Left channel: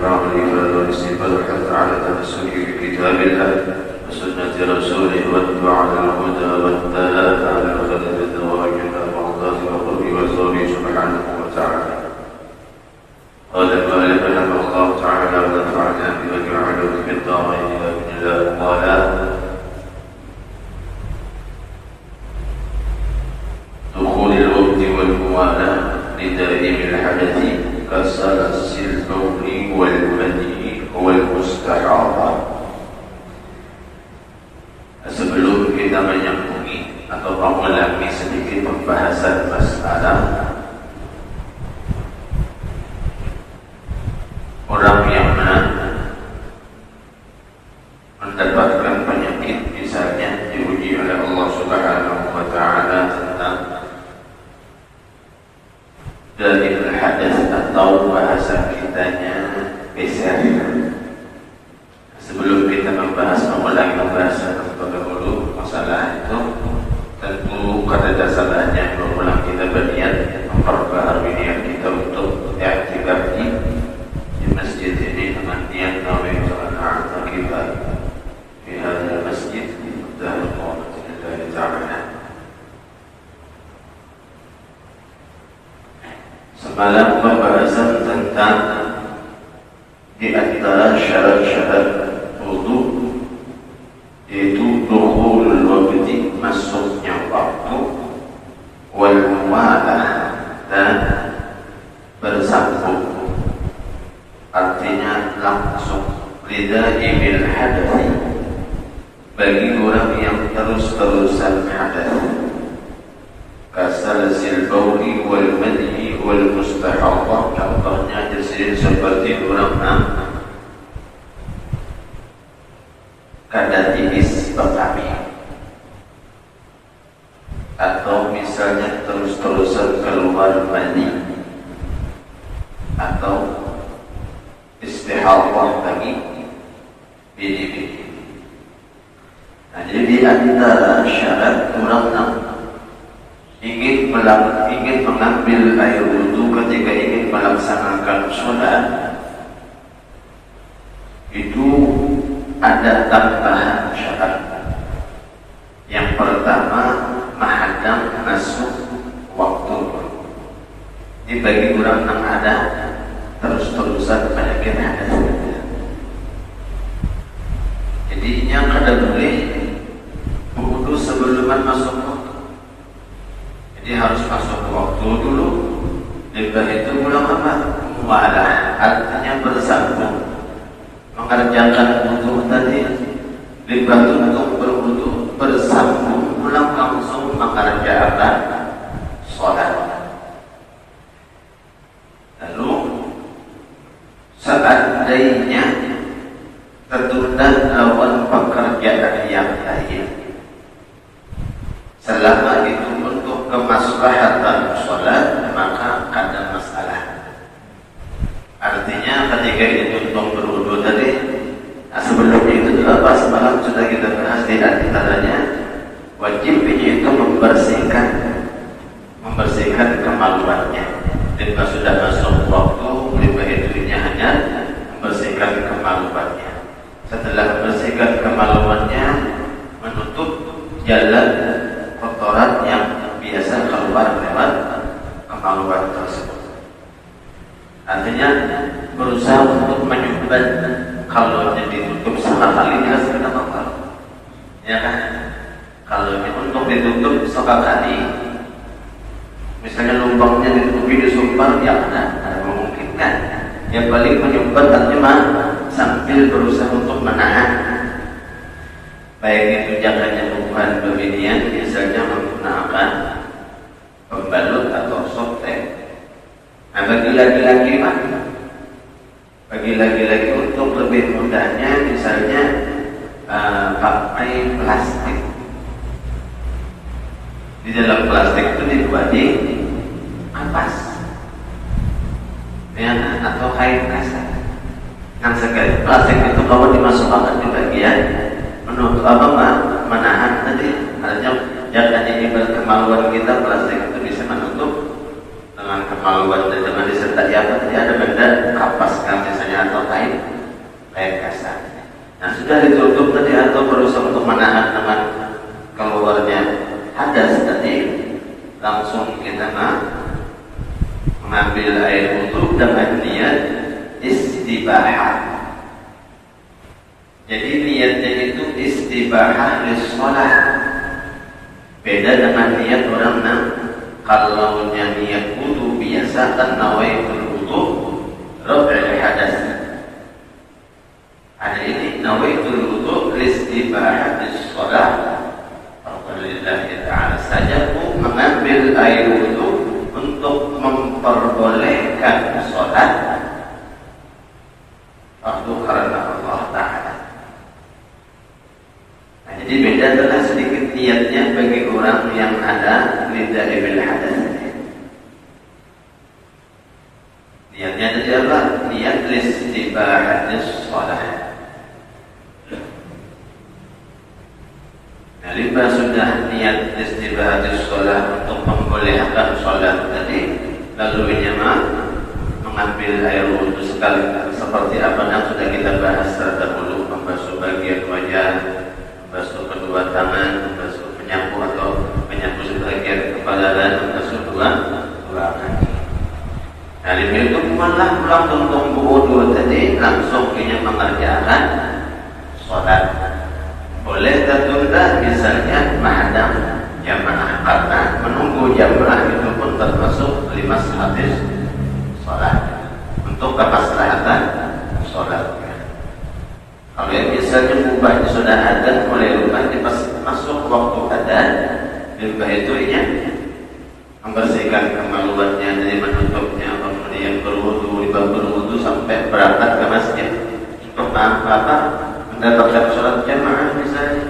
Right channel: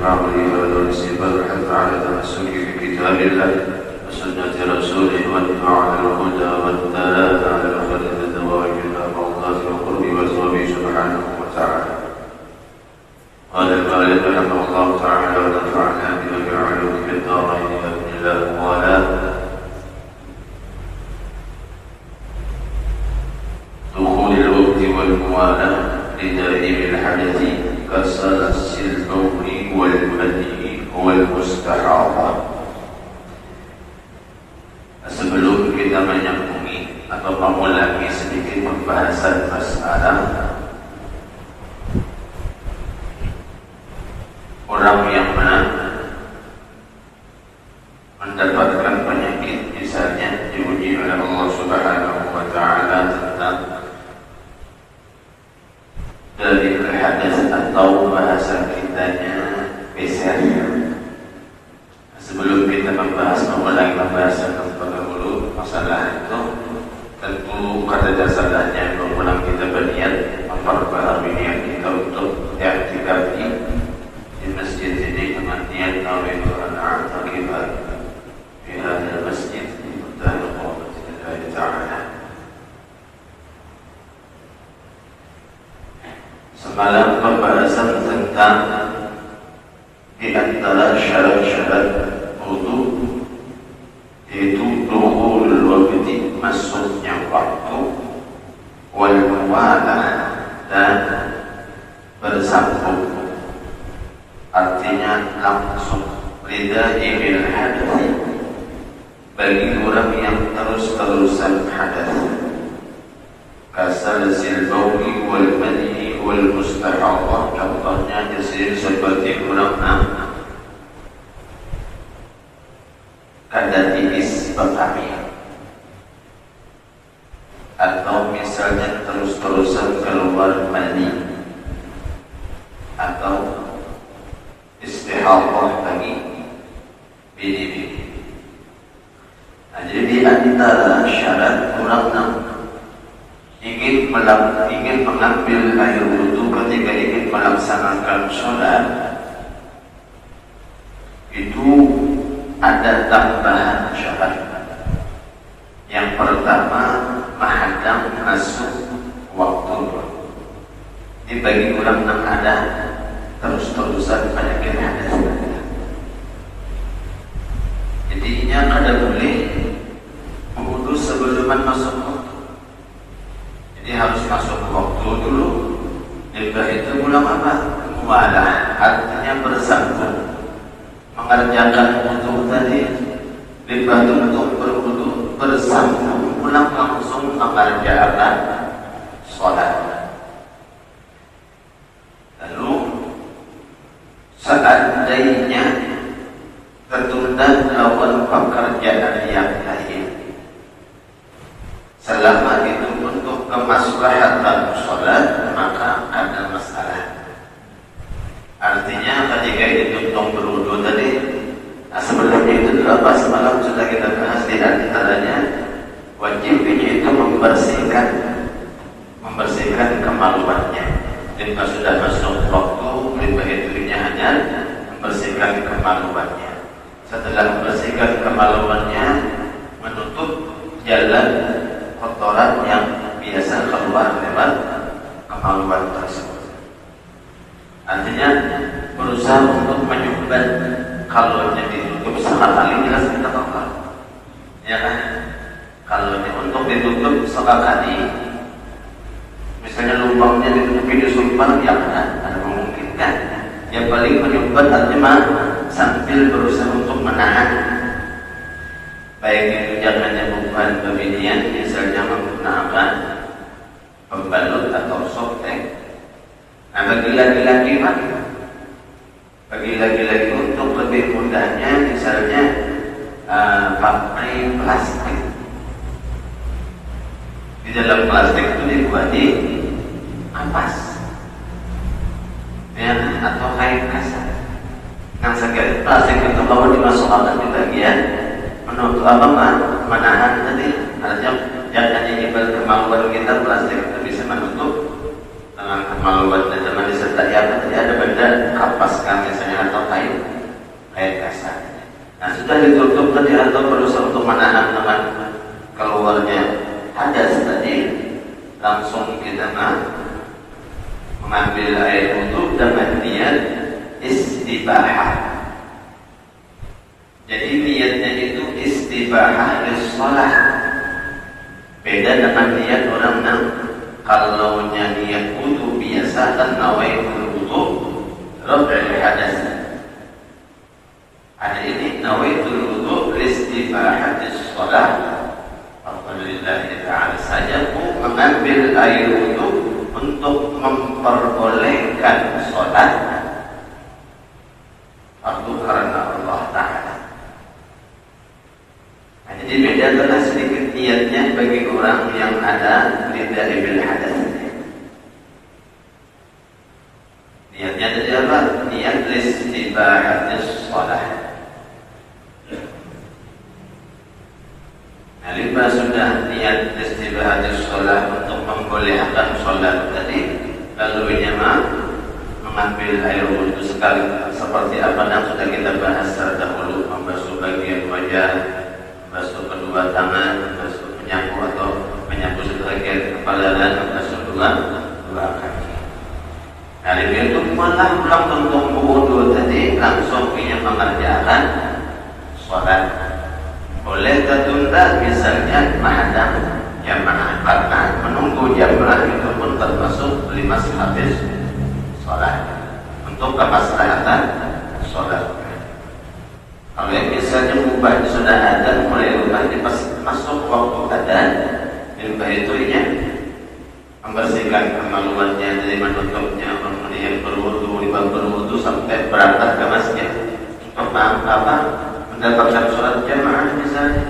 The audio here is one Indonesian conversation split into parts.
العمل والاستفادة حتى على تمسك بكتاب الله وسنة رسوله واتبع الهدى والدلالة على خير الزواج والمرضات والقرب والزوج سبحانه وتعالى. قال رحمه الله تعالى ونفعنا بما علمه في الدارين وابن الله قال دخول الوقت والموالاة لدائم الحدث كسلس البر والمدي والمستحاضة. Sebelum kita menyambungi atau mengulangi sedikit pembahasan masalah orang yang mendapatkan penyakit, misalnya diuji oleh Allah Subhanahu wa Ta'ala tentang dari hadas atau bahasa kitanya PCR. Sebelum kita membahas mengulangi pembahasan dulu masalah itu, tentu pada dasarnya berulang kita berniat memperbaharui niat kita untuk i'tikaf di masjid ini dengan niat nawaitu an a'takifa fi hadzal masjid dan Allah Ta'ala. Semalam pembahasan tentang di antara syarat-syarat wudu yaitu dukhul waqti, masuknya waktu, wal muwalah, dan bersambung, artinya langsung, lidaibil hadathi, bagi orang yang terus-terusan hadas, kasalasil bauli wal madhi wal mustahadhah. Contohnya jadi seperti orang kada tipis pertama, atau misalnya terus-terusan keluar mani, atau istihadhah lagi bidi-bidi. Nah, jadi di antara syarat orang ingin mengambil air wudu ketika ingin melaksanakan sholat itu ada tambahan syarat. Yang pertama, menghadap masuk waktu. Dibagi orang yang ada terus-terusan penyakit hadas. Jadi yang ada boleh wudu sebelum masuk waktu. Jadi harus masuk waktu dulu. Lepas itu ulama muamalah, artinya bersambung, mengerjakan wudu tadi, lepas itu berwudu bersambung, pulang langsung mengerjakan sholat. Lalu seandainya tertunda melakukan pekerjaan yang lain, selama itu untuk kemaslahatan sholat, maka ada masalah. Artinya ketika itu berwudu tadi, sebelum itu juga pas malam sudah kita bahas di antaranya wajib itu membersihkan kemaluannya. Ketika sudah masuk waktu, ketika itu hanya membersihkan kemaluannya. Setelah membersihkan kemaluannya, menutup jalan kotoran yang biasa keluar lewat kemaluan tersebut. Artinya berusaha untuk menyumbat, kalau ditutup sekali tidak apa-apa, ya kan? Kalau untuk ditutup sekali, misalnya lubangnya ditutupi disumbat, ya ada memungkinkan. Yang paling menyumbat artinya sambil berusaha untuk menahan, baik itu jangan lupa dominian, misalnya menggunakan pembalut atau softtek. Nah, bagi laki-laki untuk lebih mudahnya, misalnya pakai plastik. Di dalam plastik itu dibagi ampas, ya, atau kain kaset. Kan sekali plastik itu bahwa dimasukkan di bagian untuk menahan tadi, artinya jangan jadi kemauan kita, plastik itu bisa menutup dengan kemauan dan zaman disertai ada benda kapas, misalnya atau istibahah. Jadi niatnya itu istibahah lis-shalah. Beda dengan niat orang yang kalau niat wudu biasa kan nawaitul wudu raf'il hadas. Ada ini nawaitul wudu lis-istibahah lis-shalah. Alhamdulillah ta'ala saja mengambil air wudu untuk memperbolehkan sholat waktu karena Allah Ta'ala. Nah, jadi beda dengan sedikit niatnya bagi orang yang ada nidaibil hadas. Niatnya tadi apa? Niat listibahatis sholat. Nah, lima sudah niat listibahatis sholat untuk membolehkan sholat tadi, lalu ini mengambil air wudhu sekali seperti apa yang sudah kita bahas terdahulu, membasuh bagian wajah, membasuh kedua tangan, membasuh penyapu atau menyapu sebagian kepala dan membasuh dua kaki. Nah, ini untuk melakukan bentuk wudhu tadi langsung ingin mengerjakan sholat. Boleh tertunda misalnya menghadap jamaah karena menunggu jamaah itu pun termasuk lima habis sholat untuk kemaslahatan sholat. Kalau yang misalnya ubah sudah ada mulai ubah masuk waktu ada ubah itu ya membersihkan kemaluannya dari menutupnya, kemudian berwudu sampai berangkat ke masjid untuk mendapatkan sholat jamaah misalnya.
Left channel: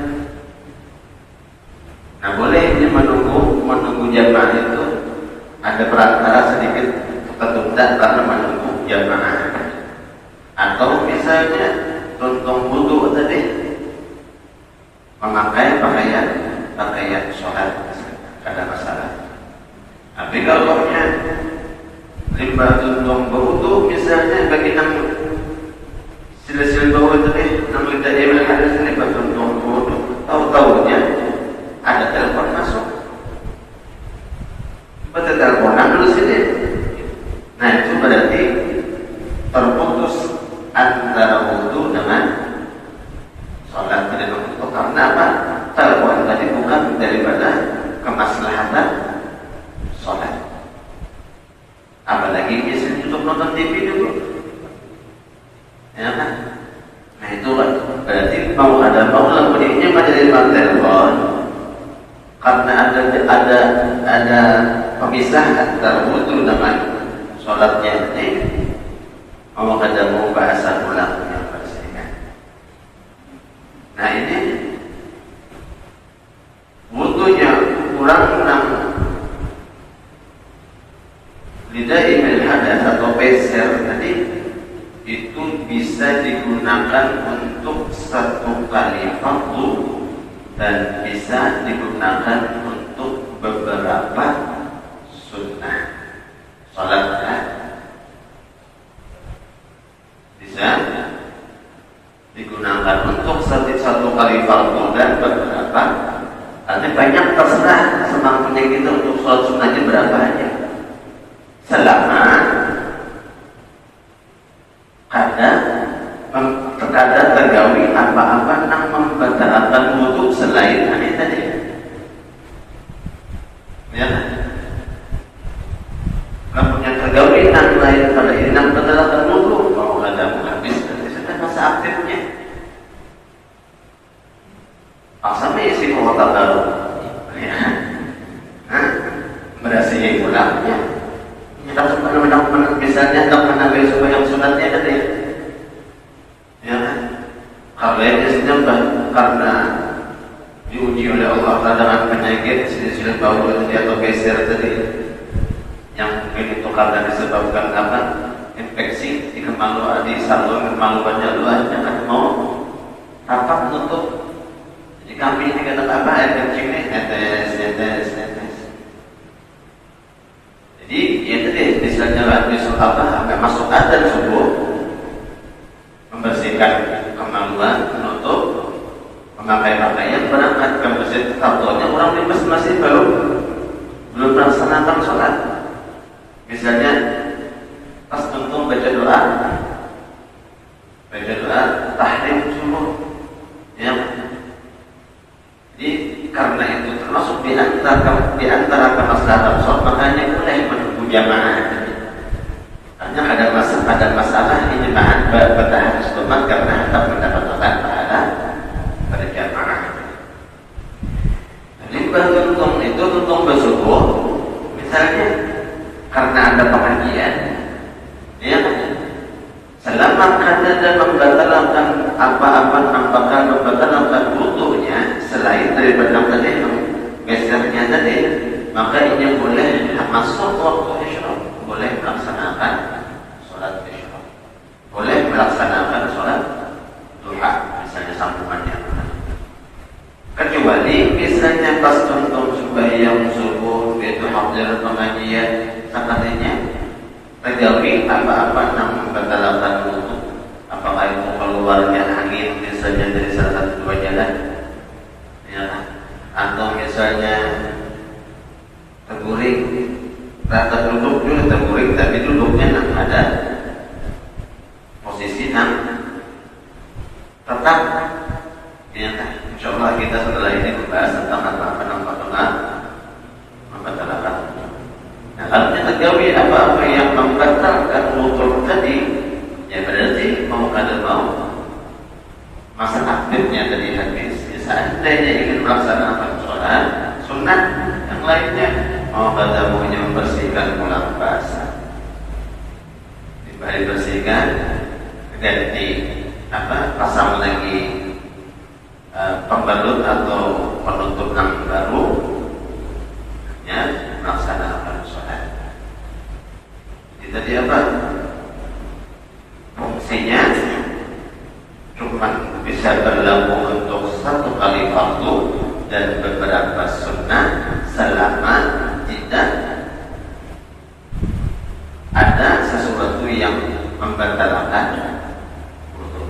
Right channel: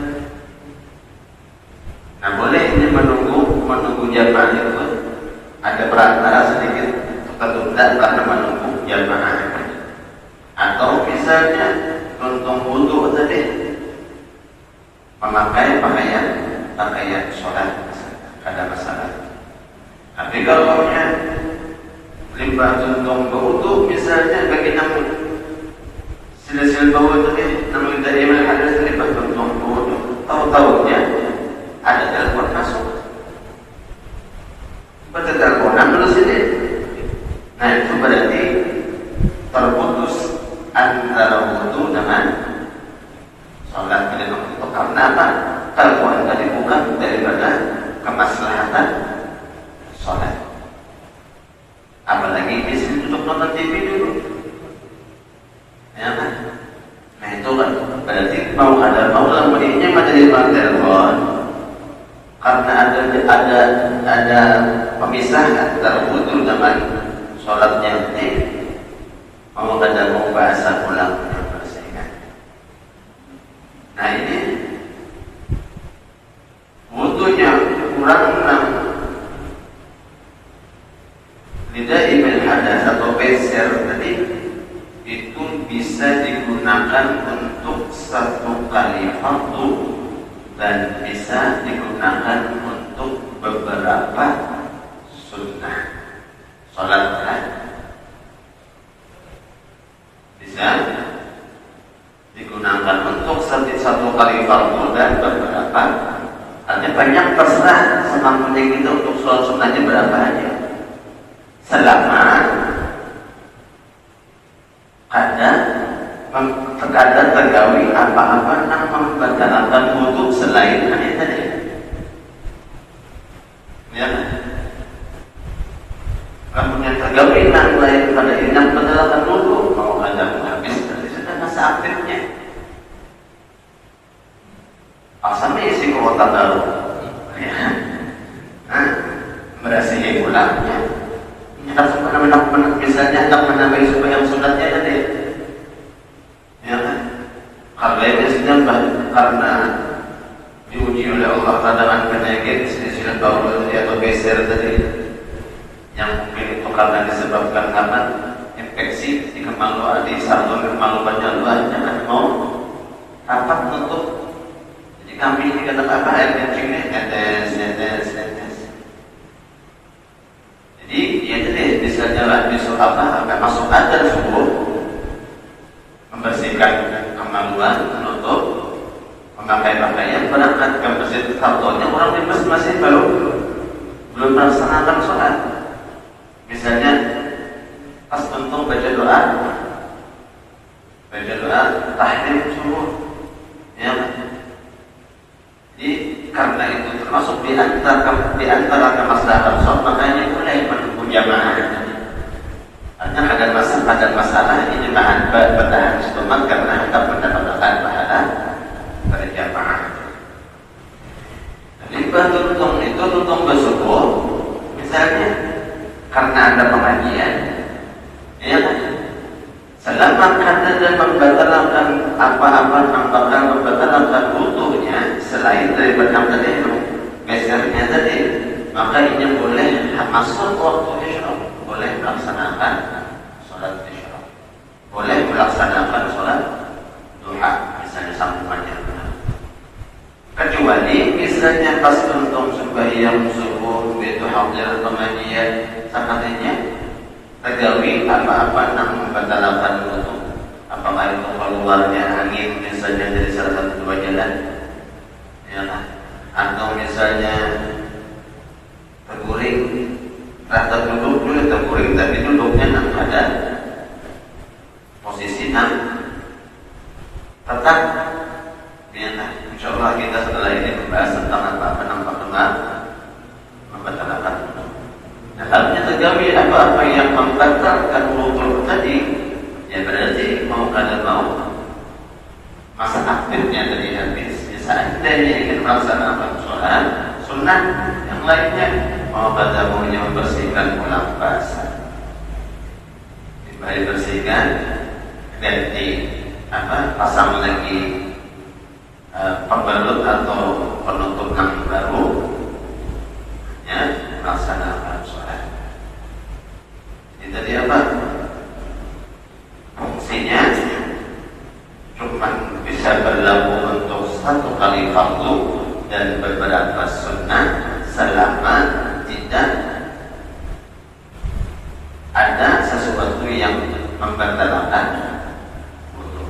Nah, boleh ini menunggu jamaah itu ada perantara sedikit ketunda karena menunggu jamaah. Atau misalnya untuk wudu tadi memakai pakaian sholat ada masalah. Tapi kalau ribatun wudu misalnya bagi namun sil-sil bau tadi namun dari mana ada ribatun wudu tahu-tahunya ada telepon masuk. Pada teleponan dulu sini. Nah, itu berarti terputus antara wudu dengan sholat tidak waktu. Karena apa? Telepon tadi bukan daripada kemaslahatan sholat. Apalagi di sini untuk nonton TV dulu. Ya kan? Nah, itu kan berarti mau bunyinya menjadi telepon. Karena ada pemisahan antara wudu dengan sholatnya ini, mau ada bahasa ulangnya bersihkan. Nah, ini wudunya kurang lidaibil hadas atau peser tadi itu bisa digunakan untuk satu kali waktu dan bisa digunakan untuk beberapa sunnah sholat bisa digunakan untuk satu kali fardu dan beberapa. Ada banyak terserah semakin tinggi itu untuk sholat sunnahnya berapa aja. Selama ada tergawi apa-apa yang membatalkan wudu selain ini tadi. Ya. Kalau yang tergawi lain pada ini yang membatalkan wudu, kalau ada habis ada masa aktifnya. Asalnya isi kuota baru. Ya. Berhasil ulangnya. Ini harus pernah misalnya tak pernah supaya sunatnya tadi. Ya, kalau itu sedang karena diuji oleh Allah dengan penyakit silsilah baul atau beser tadi, yang mungkin itu karena disebabkan karena infeksi di kemaluan di satu kemaluannya Allah jangan mau rapat menutup. Jadi kami dikatakan apa air kencingnya netes. Jadi ya tadi misalnya habis sampai masuk adzan subuh membersihkan kemaluan, menutup, memakai pakaian, berangkat ke masjid. Tahunya orang di masjid belum melaksanakan sholat. Misalnya pas tuntung baca doa, baca doa tahiyat subuh. Ya. Jadi karena itu termasuk di antara kemaslahatan sholat makanya boleh menunggu jamaah. Hanya ada masalah ini bertahan cuma karena ada mendapatkan pahala berjamaah. Jadi beruntung itu untung bersyukur. Misalnya karena ada pengajian, ya selama ada pembatalan pembatalan butuhnya selain daripada tadi gesernya tadi, maka ini boleh masuk waktu isya, boleh melaksanakan sholat isya, boleh melaksanakan sholat duha, misalnya sambungannya. Kecuali misalnya pas untuk sembahyang subuh itu hadir pengajian sepertinya terjadi apa-apa yang membatalkan wudu, apakah itu keluarnya angin misalnya dari salah satu bagian, ya, atau misalnya terguling, rata duduk juga terguling tapi duduknya ada posisi tetap. Ya, insyaallah kita setelah ini membahas tentang apa nampak benar membatalkan. Nah, kalau terjadi apa-apa yang membatalkan wudu tadi, ya berarti mau masa aktifnya tadi habis. Seandainya ingin melaksanakan sholat sunnah yang lainnya, mau katamunya membersihkan ulang basah, dibersihkan, ganti pasang lagi pembalut atau penutup yang baru, ya, melaksanakan sholat. Jadi tadi apa? Fungsinya cuma bisa berlaku untuk satu kali fardu dan beberapa sunnah selama tidak ada sesuatu yang membatalkan wudu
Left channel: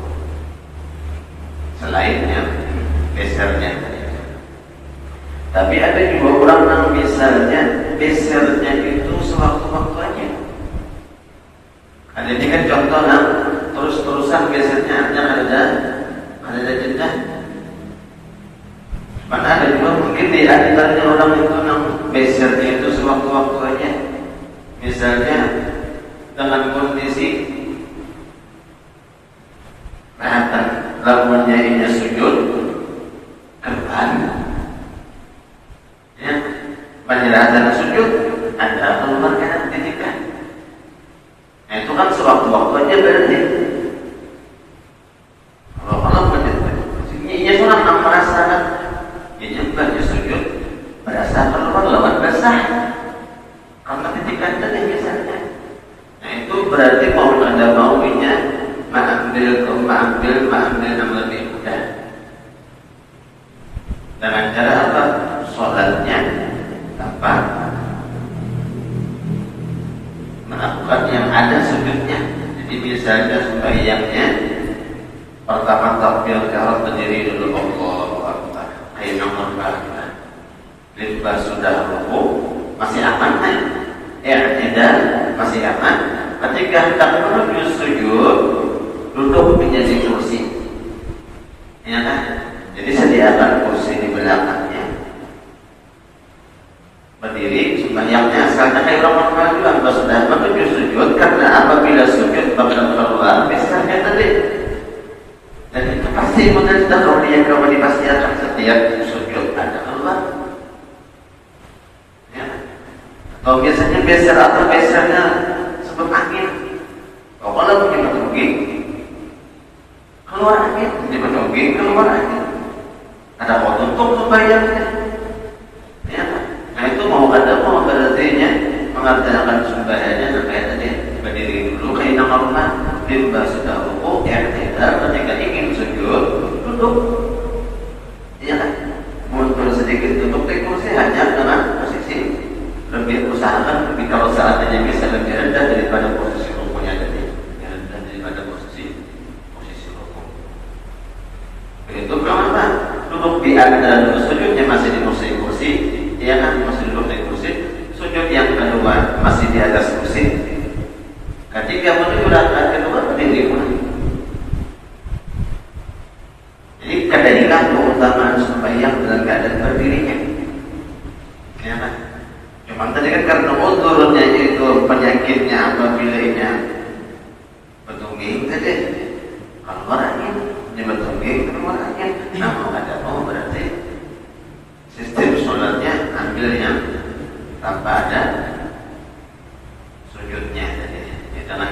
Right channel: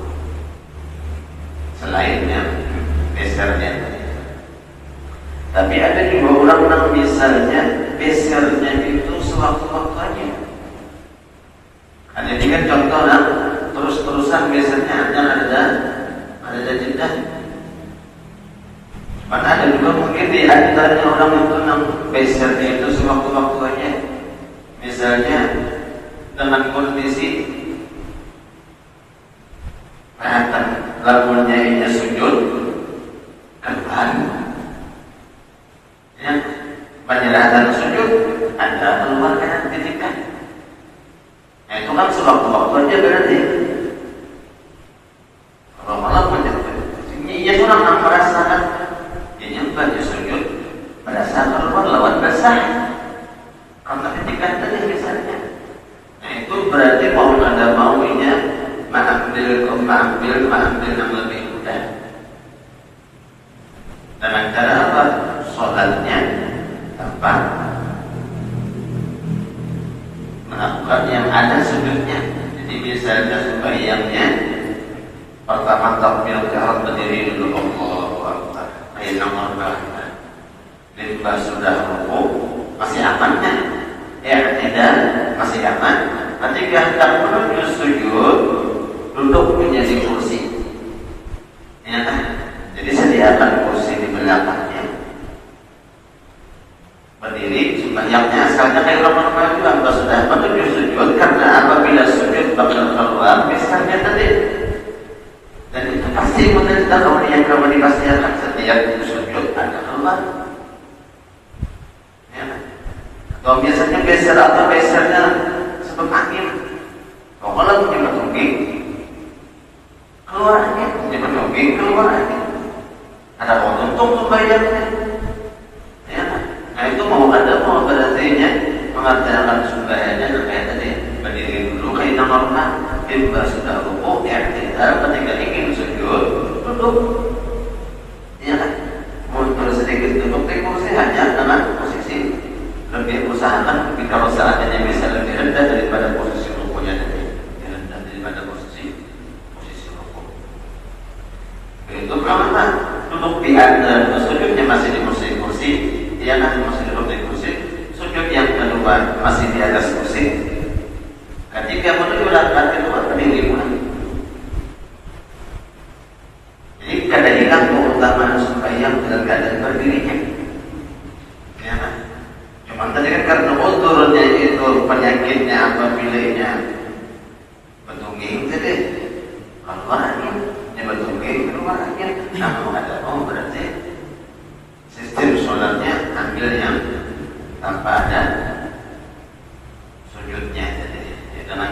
selain yang besernya. Tapi ada juga orang yang misalnya besernya itu sewaktu-waktu. Ada juga contoh terus-terusan biasanya ada jeda. Mana ada juga mungkin di antara orang itu yang besernya itu sewaktu-waktu aja. Misalnya dengan kondisi lawannya ini sujud ke depan, ya, penyerahan sujud Anda keluarkan titikan. Nah, itu kan sewaktu-waktu aja berarti. Kalau Allah ini orang merasakan ini bukan sujud pada saat keluar lawan basah karena titikan tadi misalnya. Nah, itu berarti kalau Anda maunya mengambil yang lebih mudah. Dengan cara apa? Sholatnya tanpa melakukan yang ada sujudnya. Jadi misalnya sembahyangnya pertama takbir kalau berdiri dulu Allah Akbar, sudah rukuk masih aman kan? Tidak masih aman. Ketika hendak menuju sujud, duduk menjadi kursi, ya kan? Jadi sediakan kursi di belakangnya, berdiri sembahyangnya. Sekarang kayak orang bilang sudah menuju sujud, karena apabila sujud bakal keluar misalnya tadi, dan itu pasti kemudian kita kembali pasti akan setiap sujud ada keluar, ya. Kalau biasanya geser atau gesernya sebut angin, kalau begini keluar angin, keluar angin. Ada untung pembayarannya, ya. Nah itu mau berarti mengatakan sembahyangnya sampai tadi berdiri dulu kayak normal, kita sudah rukuk, tidak ketika ingin sujud duduk, ya kan? Mundur sedikit duduk, kursi hanya dengan posisi lebih usahakan kalau salatnya bisa lebih rendah daripada posisi rukuknya tadi, daripada posisi rukuk. Itu kenapa? Duduk di antara sujudnya masih di kursi, dia nanti masih duduk di kursi. Sujud yang kedua masih di atas kursi. Ketika menuju rakaat kedua berdiri. Nah, berarti sistem sholatnya ambil yang tanpa ada sujudnya. Jadi dengan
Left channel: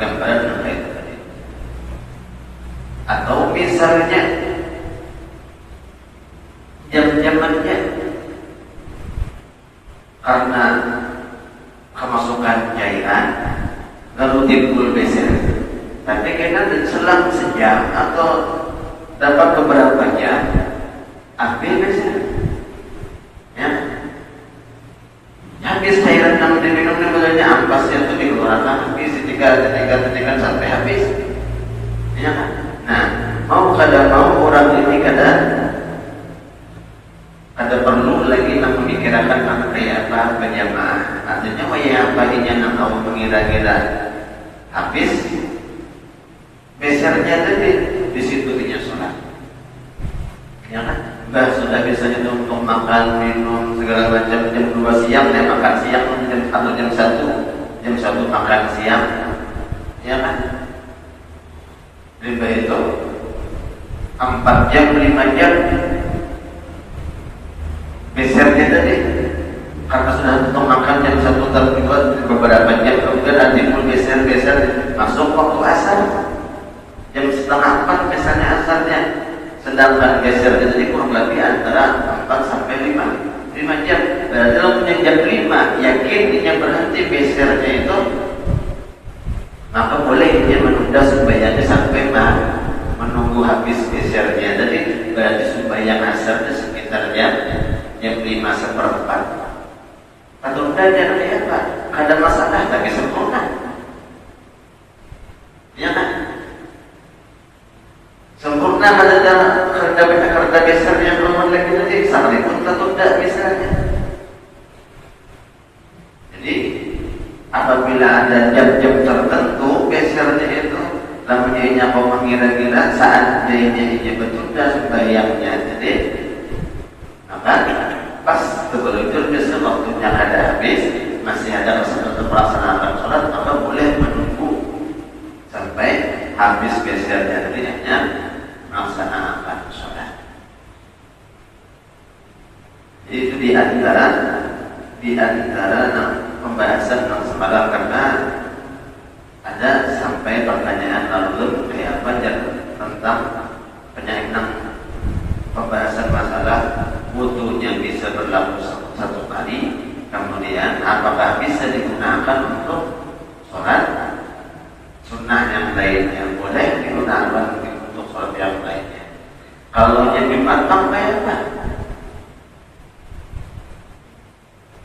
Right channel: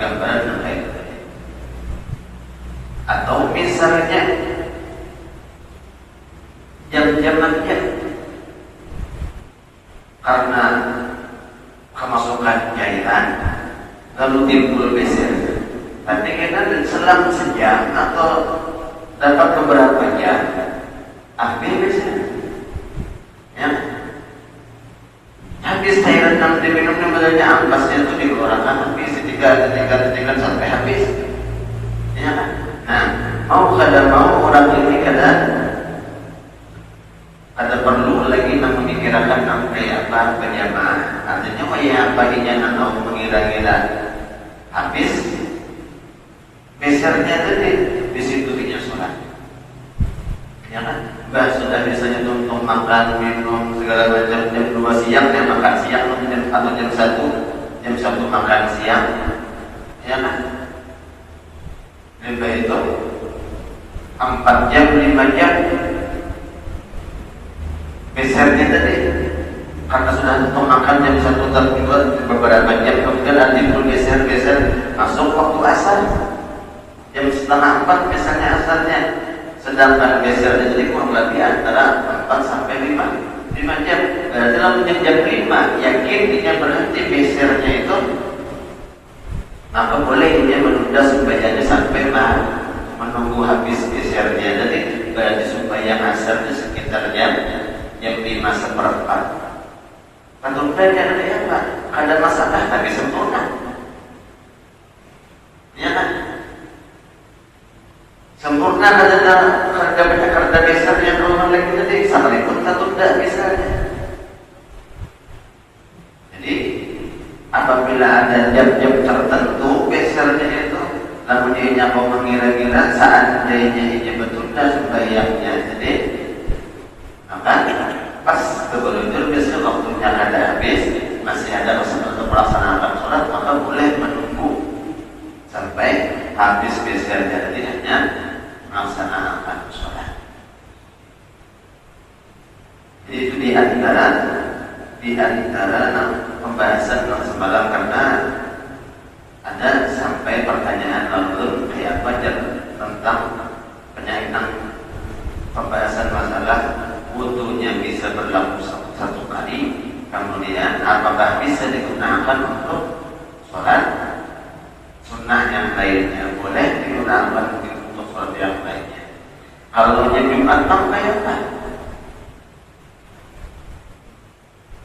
gambaran dan lain. Atau misalnya jam-jamannya karena kemasukan cairan lalu timbul beser. Tapi karena selang sejam atau dapat beberapa jam ambil beser. Ya. Habis cairan yang diminum mulanya ampasnya itu dikeluarkan habis ketika sampai habis. Ya kan? Nah, mau orang ini kadang ada perlu lagi memikirkan sampai apa berjamaah. Artinya yang paginya atau mengira-ngira habis gesernya tadi di situ dia sholat. Ya kan? Sudah biasanya untuk makan, minum segala macam jam 2 siang makan siang atau jam 1 makan siang. Ya kan? Lebih itu 4 jam 5 jam gesernya tadi karena sudah untuk makan jam 1 atau 2 beberapa jam kemudian nanti pun geser langsung waktu asar jam setengah 4 misalnya asarnya, sedangkan gesernya tadi kurang lebih antara 4 sampai 5 jam. Dalam jam 5 yakin dia berhenti gesernya itu, maka boleh dia menunda sembahyangnya sampai menunggu habis gesernya. Jadi berarti sembahyang asarnya sekitar jam 5:15. Kalau udah dia apa? Ada masalah tapi sempurna. Ya kan? Sempurna karena gesernya turun lagi nanti sama itu tertunda gesernya. Jadi apabila ada jam-jam tertentu gesernya itu, namun dia mau mengira-ngira saat dia ini bertunda sembahyangnya, jadi apa? Pas betul-betul biasanya waktunya ada habis, masih ada kesempatan melaksanakan sholat, maka boleh menunggu sampai habis gesernya, jadi hanya melaksanakan sholat. Itu di antara pembahasan semalam, karena ada sampai pertanyaan lalu kayak apa tentang penyaitan pembahasan masalah wudunya bisa berlaku 1 kali, kemudian apakah bisa digunakan untuk sholat sunnah yang lainnya, boleh digunakan untuk sholat yang lainnya. Kalau yang Jumat apa?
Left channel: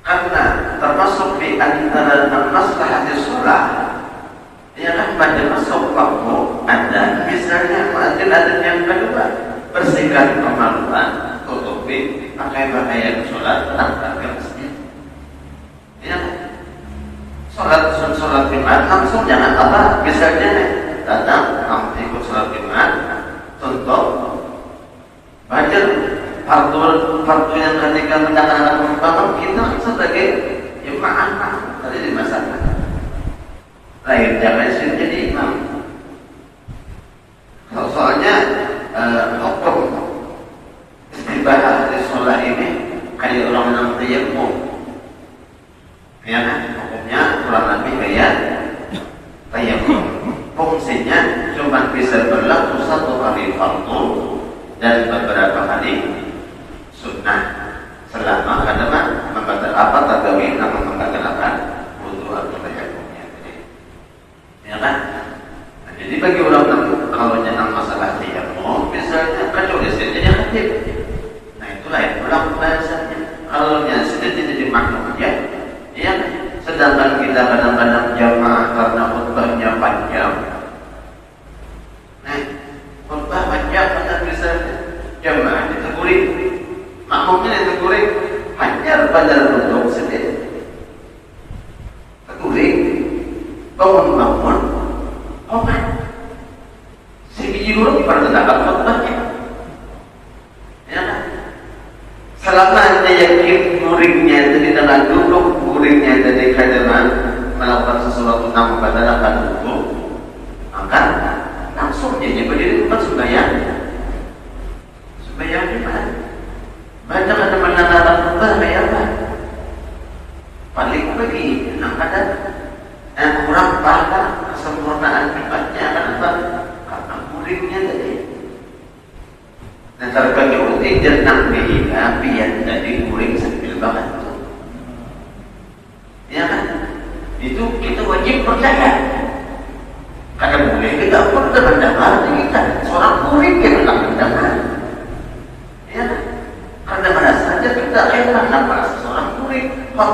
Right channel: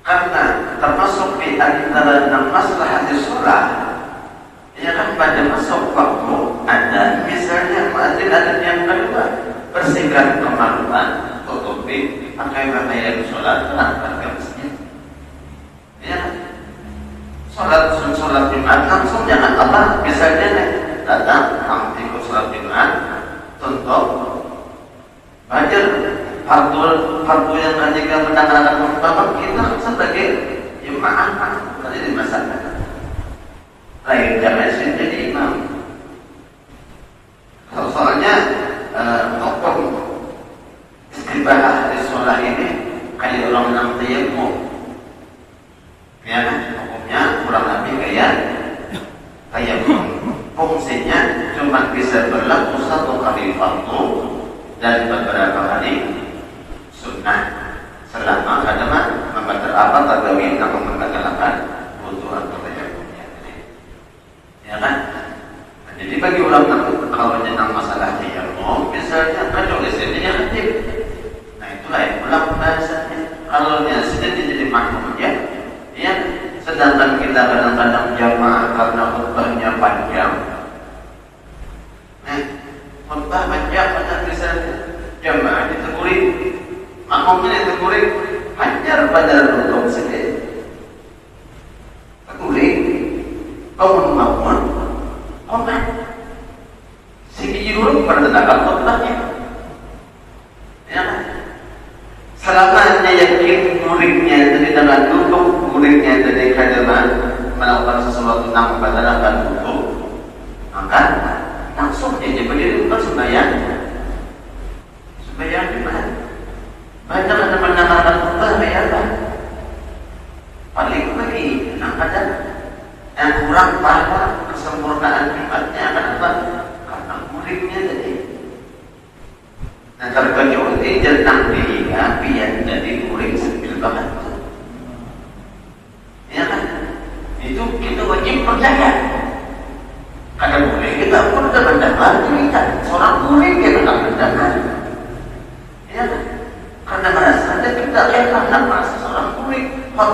Karena termasuk di antara masalah di sholat, ya kan pada masuk waktu ada misalnya ada yang kedua bersihkan kemaluan, tutupi pakai pakaian sholat, pakai masjid. Ya, sholat Jumat langsung jangan apa, misalnya datang ikut sholat Jumat, tutup, baca fardu yang mengajikan tentang anak perempuan kita sebagai jemaah tadi di masyarakat. Lain jangan jadi imam. Soalnya hukum istilah sholat ini kayak orang menang tayamum. Ya, hukumnya kurang lebih kayak tayamum. Fungsinya cuma bisa berlaku 1 kali fardu dan beberapa kali sunnah selama ada tergawin namun membatalkan wudu atau tayamumnya. Ya kan? Nah, jadi bagi ulama kalau tentang masalah tayamum misalnya ada gesernya aktif. Nah itu lain ulama bahasanya. Kalau yang sudah jadi makmum ya, sedangkan kita kadang-kadang jamaah karena khutbahnya panjang. Khutbah panjang misalnya jamaah ditegurin, makmumnya ditegurin, hajar pada bentuk sendiri. Tegurin, bangun bangun, si biji huruf bertentang khutbahnya. Ya, selama dia yakin muridnya itu di tengah duduk, muridnya itu di hadapan melakukan sesuatu tanpa akan duduk, maka langsung dia berdiri sembahyang.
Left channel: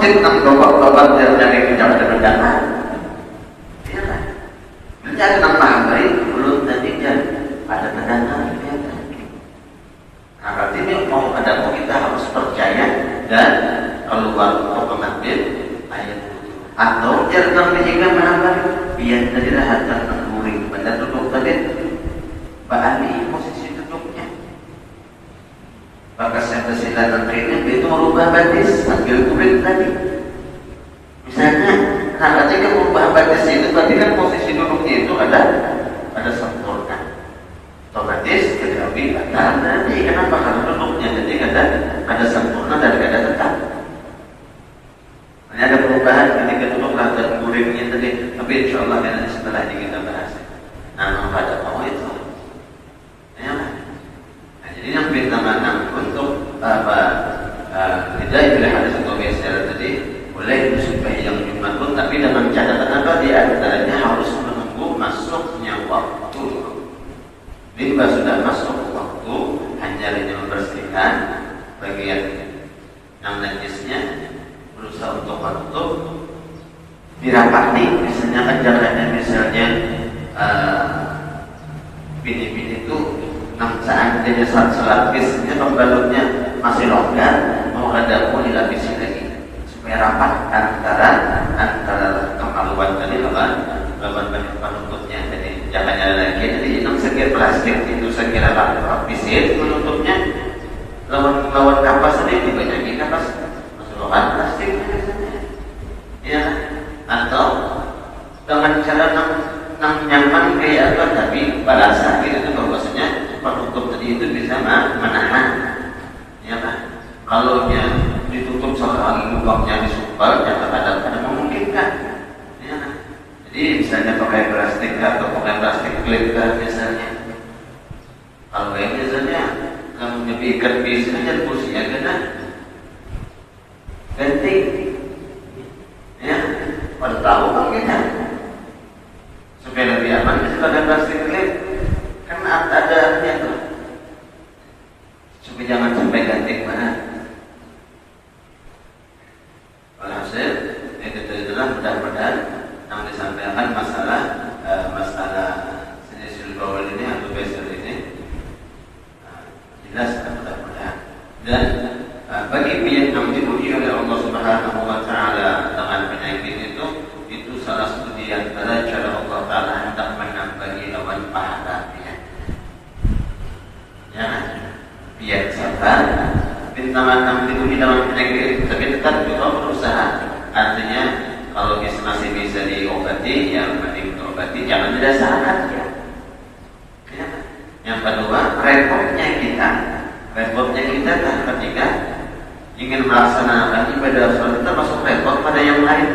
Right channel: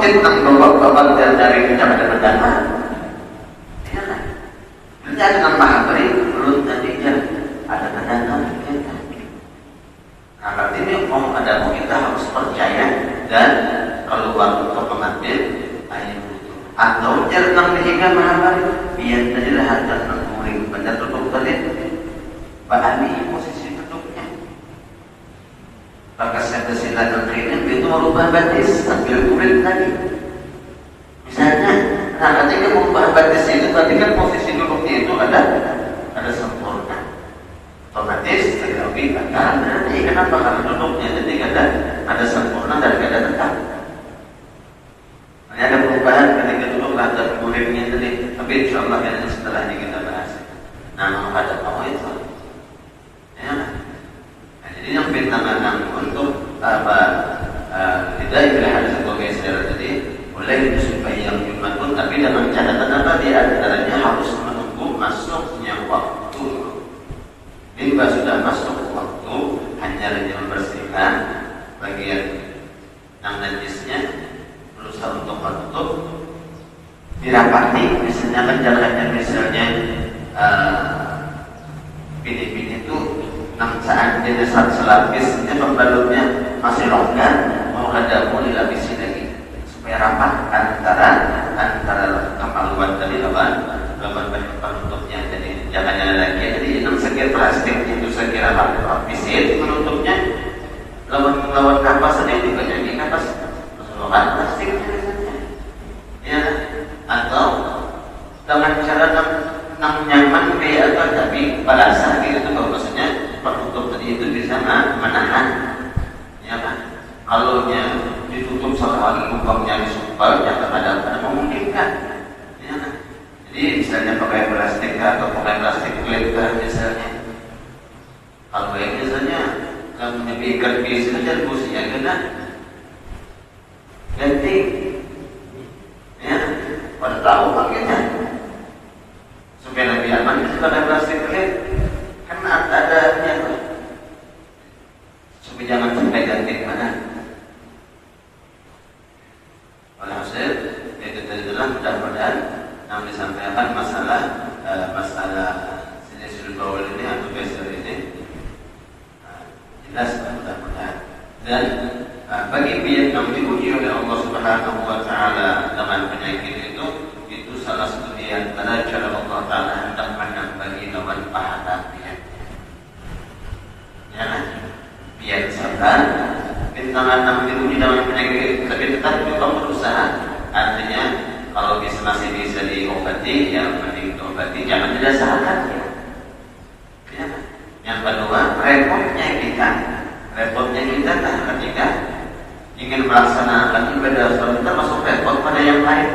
masjid nang bapak-bapak dari kecamatan Dana. Ya, kerjaan nang Mahamri belum tadi kan ada Dana. Nah, berarti ini mau ada kita harus percaya dan kalau waktu ke masjid ayat atau jangan dihingga Mahamri biar tadilah ada murid pada tutup tadi. Pada ini posisi tutupnya. Maka saya kesilapan ini itu merubah batis sambil kulit tadi. Misalnya, nah ketika merubah batis itu berarti kan posisi duduknya itu ada sempurna. Otomatis tetapi nanti kenapa harus duduknya jadi ada sempurna dan ada tetap. Hanya ada perubahan ketika duduk rata kulitnya tadi. Tapi insya Allah nanti setelah ini kita bahas. Nah, pada mau itu. Ya, nah, jadi yang pertama untuk tidak yang sebagai syarat tadi boleh musibah yang dimaklum, tapi dalam catatan apa dia antaranya harus menunggu masuknya waktu. Bila sudah masuk waktu, hanya membersihkan bagian yang najisnya, berusaha untuk waktu dirapati, misalnya kan jaraknya misalnya bini-bini itu saat dia besar selapis itu pembalutnya masih longgar, mau ada pun dilapisi lagi supaya rapat antara kemaluan tadi bagian penutupnya. Jadi jangan lagi jadi itu sekira plastik itu sekira lapisin penutupnya lawan kapas tadi juga jadi kapas lawan plastik ya, atau dengan cara nyaman kayak apa tapi pada saat itu maksudnya penutup tadi itu bisa menahan ya kan. Kalau dia ditutup soal lubangnya disumpal jangan ada memungkinkan ya kan. Jadi misalnya pakai plastik atau pakai plastik klip misalnya, kalau yang biasanya kalau diikat biasanya fungsinya kena ganti ya pada tahu makanya supaya lebih aman bisa pakai plastik klip kan ada yang supaya jangan sampai ganti mana. Walhasil itu adalah mudah-mudahan yang disampaikan masalah sinisul baul ini atau besar ini jelas dan bagi pihak yang diuji oleh Allah Subhanahu Wa Taala dengan penyakit itu salah satu di antara cara Allah Taala hendak menambahi pahalanya. Ya, biar sabar, bintang-bintang diuji dalam penyakit tapi tetap kita berusaha. Artinya kalau masih bisa diobati, ya mending diobati, jangan didasarkan ya. Yang kedua, repotnya kita ketika ingin melaksanakan ibadah sholat kita masuk repot pada yang lain.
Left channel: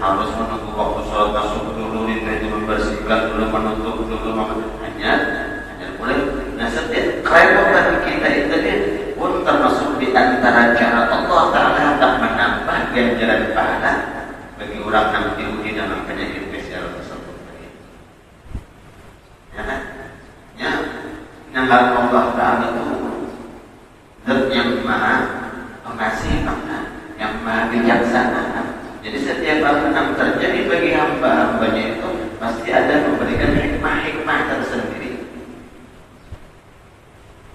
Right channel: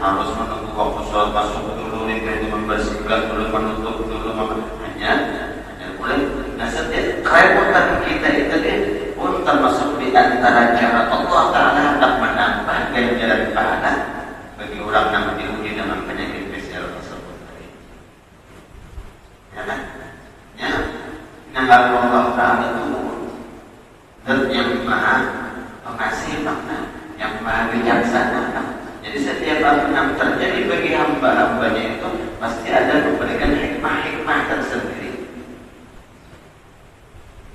Harus menunggu waktu sholat masuk dulu, itu membersihkan dulu, menutup dulu, hanya boleh. Nah, setiap repot bagi kita itu pun termasuk di antara cara Allah Taala hendak menambah ganjaran pahala bagi orang yang diuji dengan penyakit spesial tersebut. Ya kan? Ya, yang Allah Taala itu zat yang maha pengasih, yang maha bijaksana. Jadi setiap apa yang terjadi bagi hamba-hambanya itu pasti ada memberikan hikmah-hikmah tersendiri.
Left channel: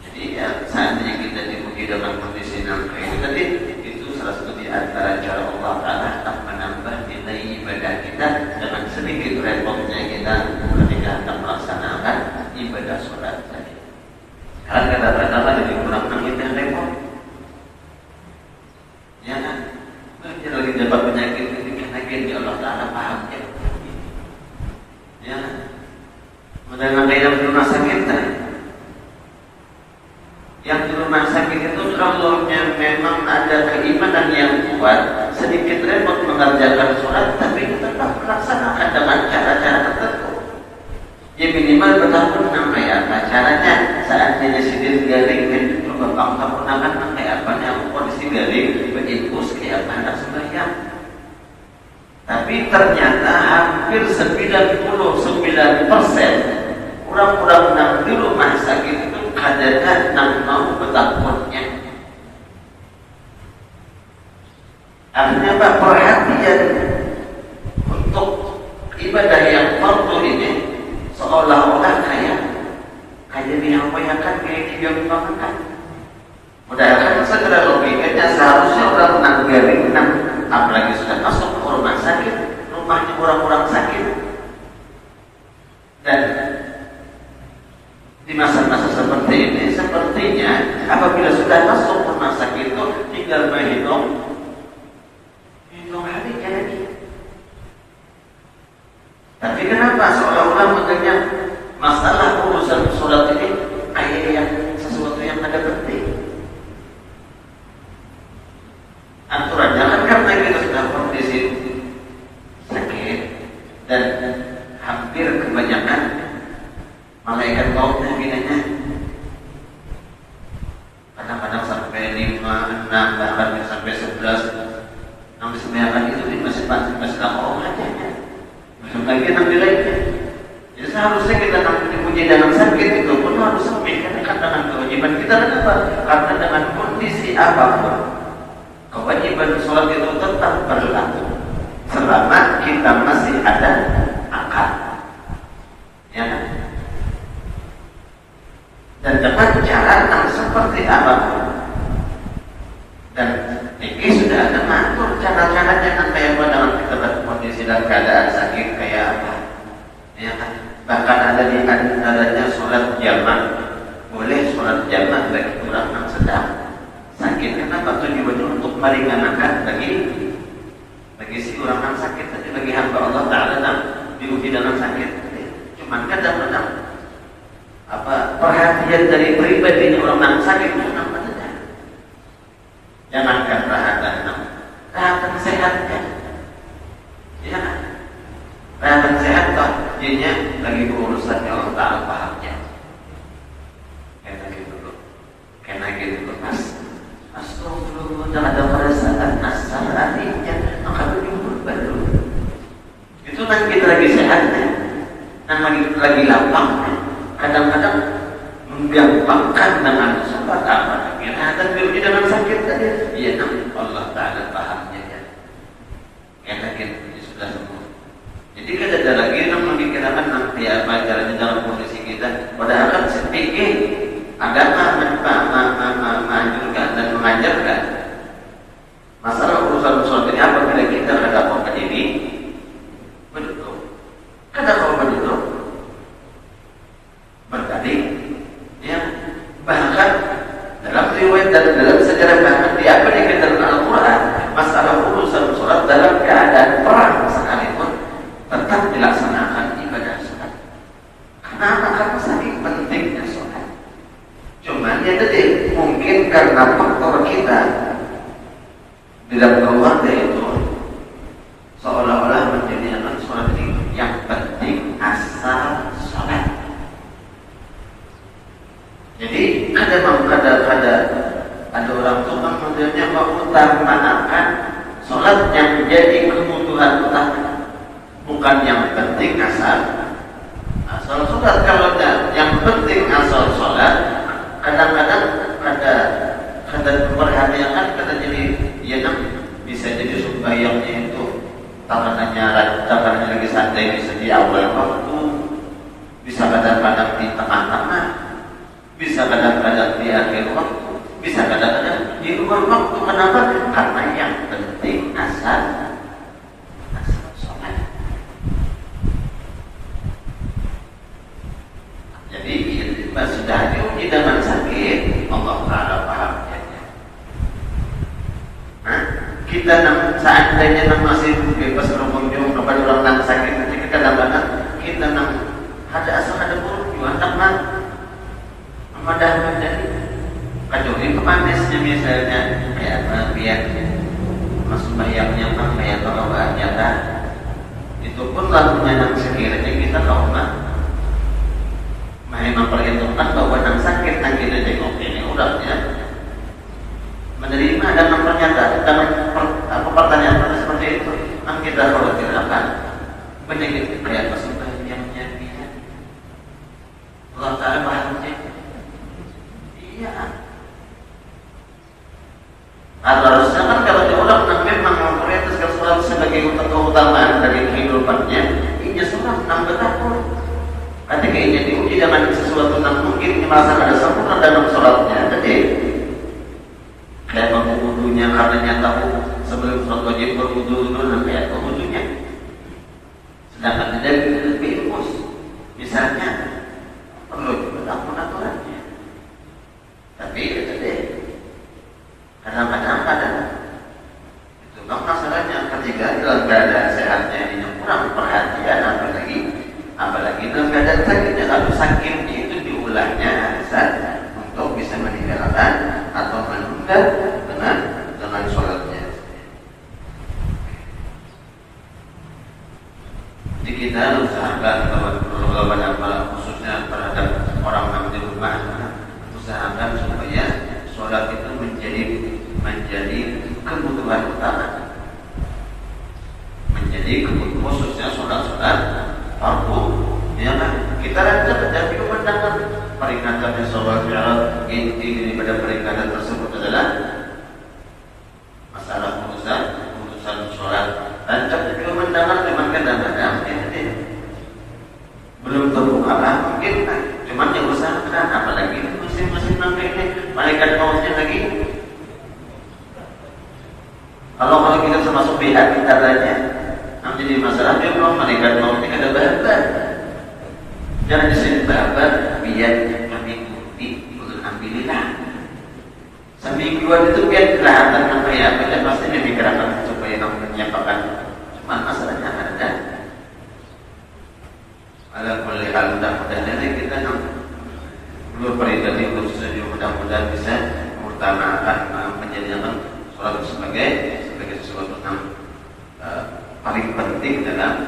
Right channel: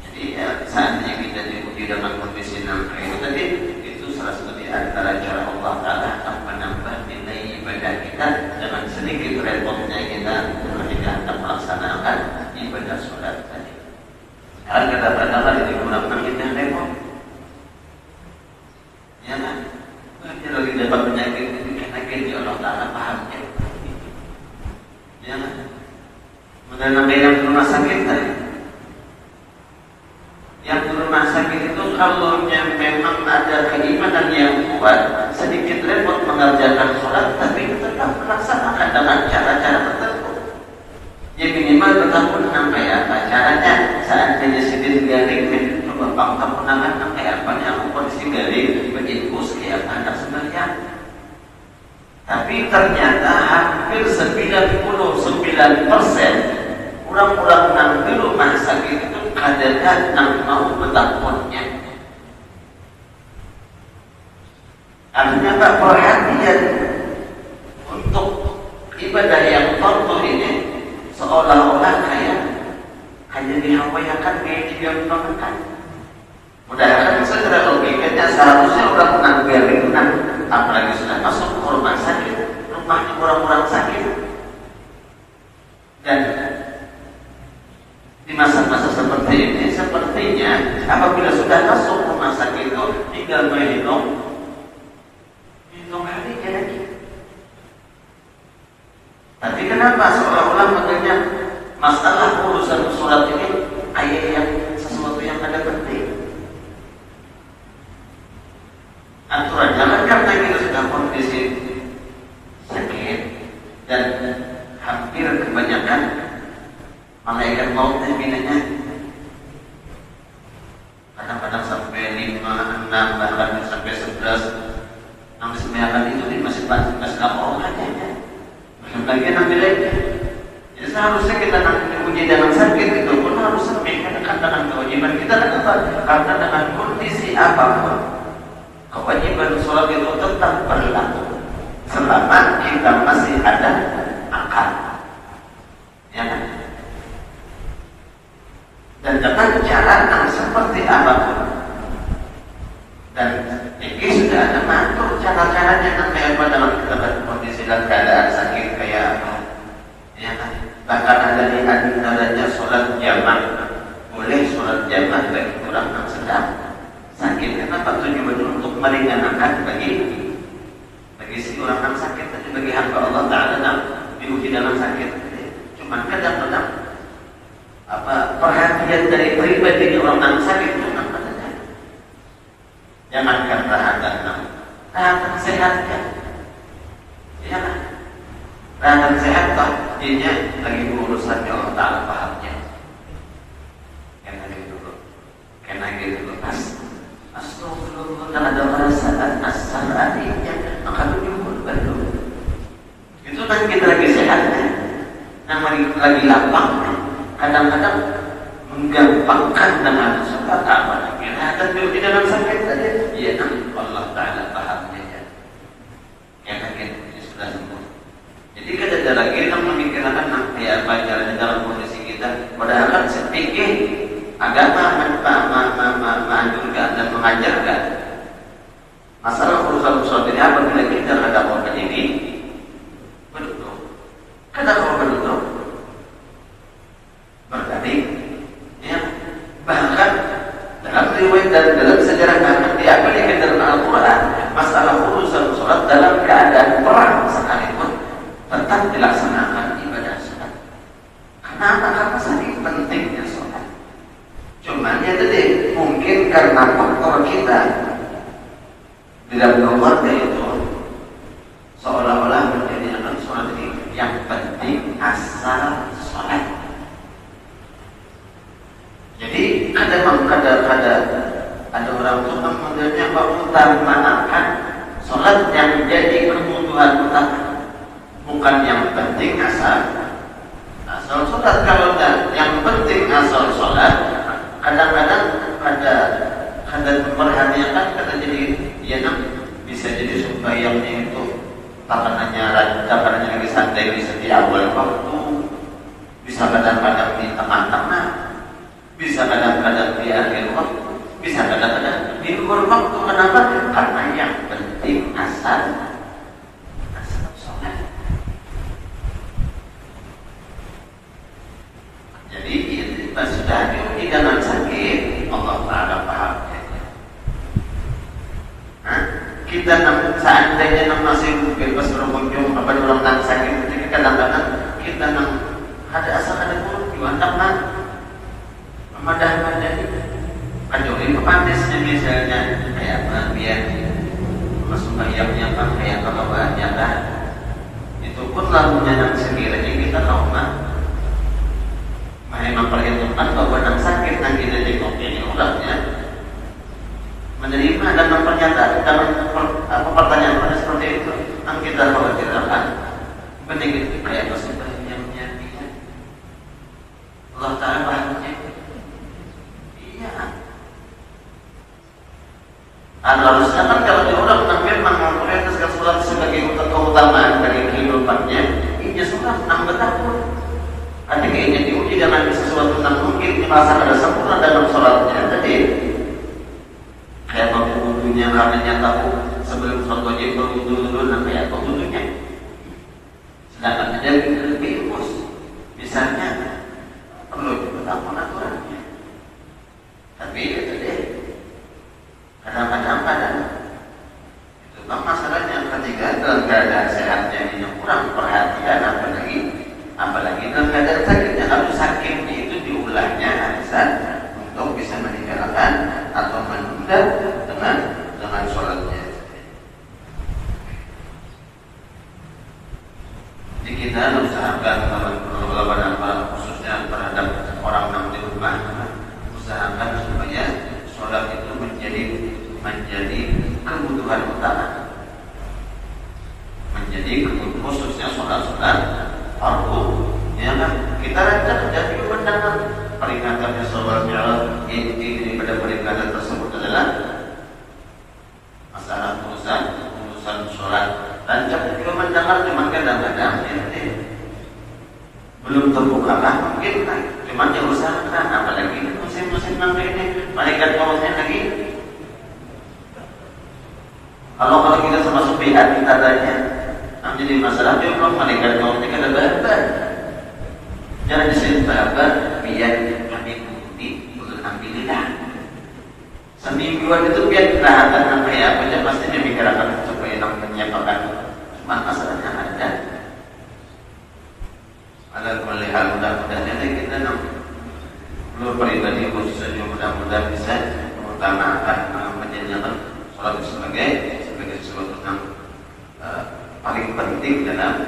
Jadi ya, saatnya kita diuji dalam kondisi itu tadi, itu salah satu di antara cara Allah Taala menambah nilai ibadah kita dengan sedikit repotnya kita ketika melaksanakan ibadah sholat tadi. Karena kata-kata digunakan kita repot. Ya, kita lagi dapat penyakit di Allah Taala paham ya. Ya, kemudian yang di rumah sakit tadi. Yang di rumah sakit itu kalau memang ada keimanan yang kuat, sedikit repot mengerjakan sholat, tapi tetap melaksanakan dengan cara-cara tertentu. Ya minimal bertahun kayak apa caranya saat dia sedih garing itu bapak pernah kayak apa yang kondisi garing berinfus kayak anak sembahyang. Tapi ternyata hampir 99% orang-orang yang di rumah sakit itu adanya yang mau bertahunnya. Artinya Pak diapayakan, digampangkan. Mudah-mudahan segera logikanya seharusnya orang biarin, apalagi sudah masuk ke rumah sakit, rumahnya orang-orang sakit. Dan di masa-masa seperti ini, sepertinya apabila sudah masuk rumah sakit itu tinggal menghitung hari kira-kira. Tapi kenapa seorang mengenai masalah urusan sholat ini kayak yang sesuatu yang ada penting? Aturannya kan karena kita sudah kondisi sakit dan hampir kebanyakan malaikat mautnya binatnya kadang-kadang sampai 5, 6, bahkan sampai 11, sampai 9 itu masih lapor aja ya. Masih bagian ambil lagi. Jadi seharusnya kita punya dalam sakit itu pun harus sampaikan dengan kewajiban kita karena dengan kondisi apapun kewajiban sholat itu tetap berlaku selama kita masih ada akal. Ya. Dan dengan catatan seperti apapun. Dan ini sudah ada mengatur cara-caranya kayak dalam kondisi dan keadaan sakit kayak apa. Ya kan? Bahkan ada di antaranya sholat jamaah. Boleh sholat jamaah bagi orang yang sedang sakit. Kenapa tujuan untuk meringankan bagi si orang yang sakit, tapi bagi hamba Allah Taala diuji dalam sakit. Cuma kadang-kadang perhatian dari pribadi orang yang sakit itu apa saja. Jangankan perhatian sehatkan. Ya, perhatian sehat pak, dia lagi berurusan dengan Allah Taala pahamnya. Karena gitu bekas. Astagfirullah, ada perasaan asal hatinya, maka begitu baru. Itu kan kita lagi sehatnya, namanya lagi lapang. Kadang-kadang menggampangkan dengan sebab apa? Kita akan berhenti dalam sakit saja. Iya, Allah Taala pahamnya ya. Karena ini sudah semua. Jadi kita ada lagi yang memikirkan nanti apa caranya dalam kondisi kita. Padahal saya pikir agama menganjurkan dan mengajarkan masalah urusan ini apabila kita ada korban ini betul, ada korban itu bertanding, ya bahkan dalam riwayat dan dalam sejarah Nabi apabila dalam Al-Quran masalah urusan sholat dalam keadaan perang sekalipun tetap dilaksanakan ibadah sholat. Kenapa? Karena sangat pentingnya sholat. Cuma dia tadi mungkin karena faktor kita di dalam keluarga itu seolah-olah menjadi sholat yang penting asal sholat. Jadi kadang-kadang ada orang tua kemudiannya mengutamakan sholat yang menjadi kebutuhan utama, bukan yang penting asal sholat. Kalau yang penting asal sholat, kadang-kadang ada perhatian kan kata jadi ya bisa jadi supayanya itu tangannya lagi santai bisa di awal waktu, bisa kadang-kadang di tengah-tengah, bisa kadang-kadang di akhir waktu, bisa kadang-kadang di luar waktu. Kenapa? Karena yang penting asal sholat. Jadi sudah diuji dengan sakit, Allah Taala pahamnya. Kita seandainya masih bebas berkunjung kepada orang yang sakit, ketika kadang-kadang kita ada asal ada buruk gimana memadamkan dari kecuali panasnya misalnya kayak biar masuk bayamnya kayak kalau nyata itu pun lalunya yang sekiranya kita tahu memperhitungkan bahwa yang sakit nanti jengok ini udahnya menerima dan mempernyatakan dengan pertanyaan seperti itu. Kita khawatir apa? Menjadi kayak musibah yang menyakitkan. Allah Taala pahamnya. Iya. sabar biar kami bukti untuk ambillah. Semingguan itu biar kelihatan apa ya, kita pasti memikirkan supaya namanya apa. Cuma masalahnya ada melihat mudah-mudahan nanti kita dua pribadi khusus saja mudah-mudahan bisa mengutamakan menjadikan sholat sebagai sesuatu yang paling penting dalam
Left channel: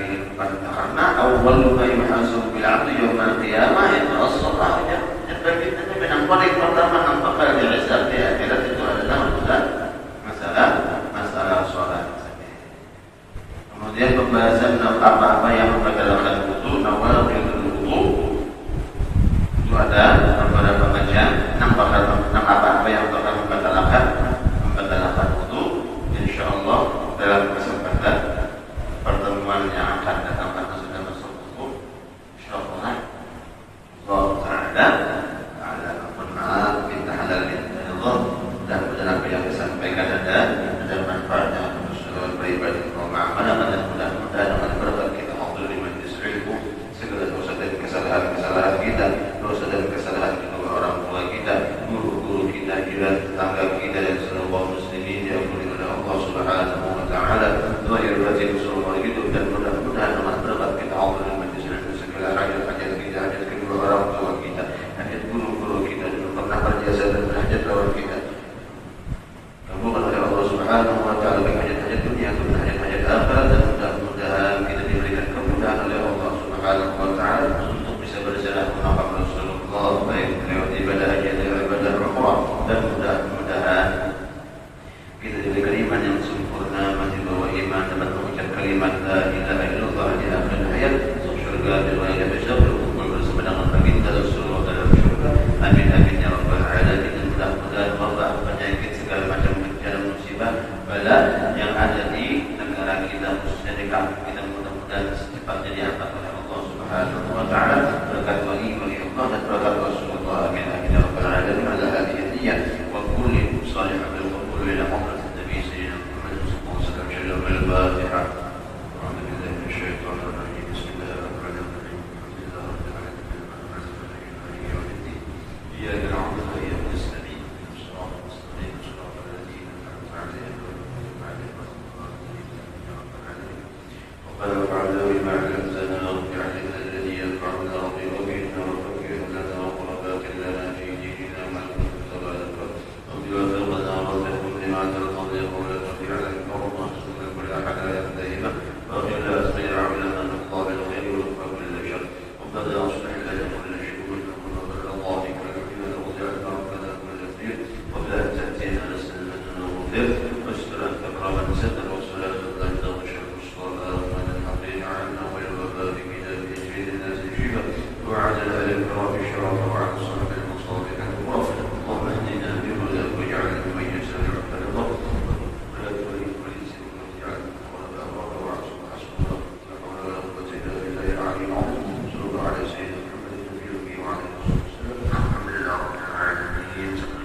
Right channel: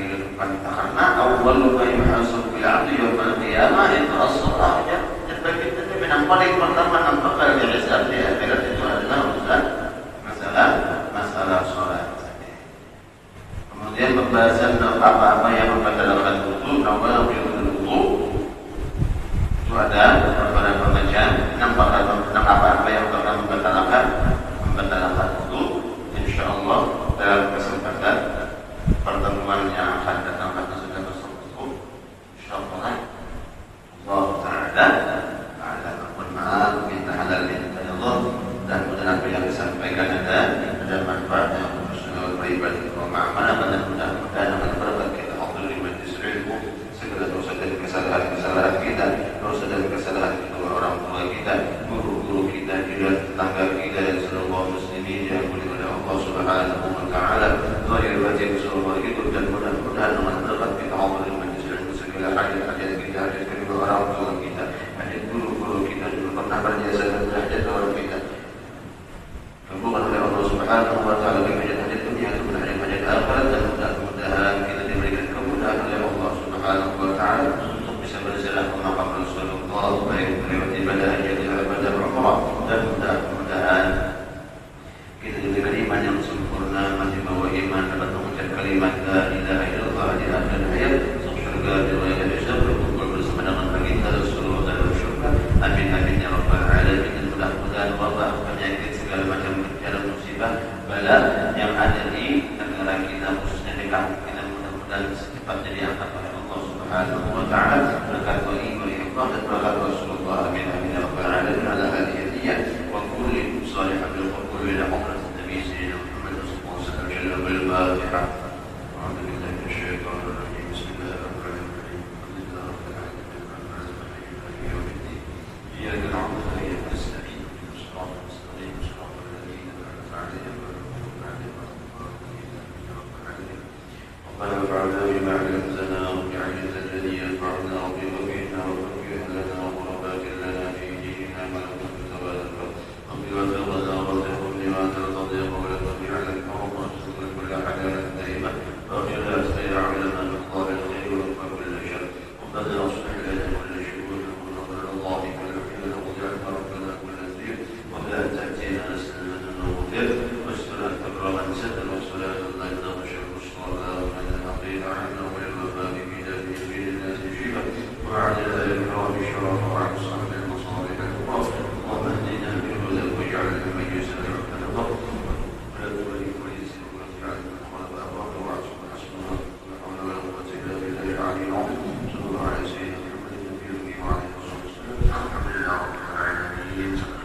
kehidupan, karena awwalu ma yuhasabu bil 'abdi yaumil qiyamah as-shalah. Yang paling pertama yang bakal dihisab di akhirat itu adalah masalah sholat. Kemudian pembahasan apa-apa yang membatalkan wudu, awal wudu itu ada pada pengajian 6 apa-apa yang bakal membatalkan wudu. Insyaallah dalam kesempatan pertemuan yang akan datang pada sudah masuk wudu, insyaallah Allah Ta'ala ada bermaaf minta halal minta Allah, dan dalam yang disampaikan ada manfaatnya untuk segala pribadi pemahaman, dan mudah-mudahan dengan berkat kita Allah di majlis ilmu segala dosa dan kesalahan kita, dosa dan kesalahan kedua orang tua kita, guru-guru kita, tetangga kita, dan seluruh muslimin yang dimuliakan oleh Allah Subhanahu wa Ta'ala. Lahir batin seluruh itu, dan mudah-mudahan dengan berkat kita Allah di majlis ilmu segala hajat kita, hajat kedua orang tua kita, hajat guru-guru kita juga pernah berjasa, dan hajat orang kita bukan oleh Allah Subhanahu wa Ta'ala hajat dunia, dan hajat akhirat, dan mudah-mudahan kita diberikan kemudahan oleh Allah Subhanahu wa Ta'ala untuk bisa berjalan ke makam Rasulullah, baik lewat ibadah haji dan ibadah umrah, dan mudah-mudahan kita diberi iman yang sempurna, masih bawa iman dapat mengucap kalimat la ilaha illallah di akhir hayat, surga dan ayat syurga berkumpul bersama dengan baginda Rasulullah dan syurga. Amin amin ya rabbal alamin. Mudah-mudahan Allah penyakit segala macam gejala musibah bala yang ada di negara kita, khususnya di kampung kita, mudah-mudahan secepatnya diangkat oleh Allah Subhanahu wa Ta'ala berkat wali Allah dan berkat Rasulullah. Amin amin ya rabbal alamin. Ala hadiyah wa kulli salihah bil qul ila Muhammad nabi sayyidina Muhammad sallallahu alaihi wasallam. Al-Fatihah. Alhamdulillah minasyaitonir rajim. Bismillahirrahmanirrahim. Iyyaka na'budu wa iyyaka nasta'in. Shiratal mustaqim, shiratal ladzina an'amta 'alaihim ghairil maghdubi 'alaihim وَلَا فَعَلْنَا بِمَا عَلَّمْتَنَا وَاجْعَلْنَا الَّذِي يَنفَعُنَا وَيُوَفِّقْنَا وَتَوْفِيقًا لَنَا وَبَرَكَةً لَنَا فِي دِينِنَا مَا كُنَّا نَتَوَلَّى وَبِوَفِقْنَا وَتَوْفِقْنَا لِمَا تَرْضَى وَلَا تَجْعَلْ الْأَمْرَ مُسْتَقِيمًا وَلَا حَلَالًا دَائِمًا وَإِلَى خَيْرِ عَمَلنا مِنْ قَابِلِ الْخَيْرِ وَكُلِّ شَرٍّ رَبَّنَا أَصْلِحْ لَنَا كُلَّ شُؤُونِنَا كُلَّهَا اللَّهُمَّ اغْفِرْ لَنا وَاجْعَلْنَا رَبَّنَا كُلَّ خَيْرٍ وَلَا تَأْتِينَا نَسْأَلُكَ الْغُفْرَانَ وَاسْتَغْفِرْ تَكْرَارًا سَدًّا وَصَلَاةً لَا تَغْشَى الصَّلَاةَ وعلى الإكرام الشرف وعلى الصحبة المصالح الكبرى. اللهم اهدنا بهداك واجعلنا من يسر الرضا ولا تولي كل سر واجعلنا قلب أبرار وعصر حسن ولا قوة إلا بالله العلي العظيم. صلى الله على سيدنا محمد النبي وعلى آله وصحبه وسلم. الحمد لله رب العالمين.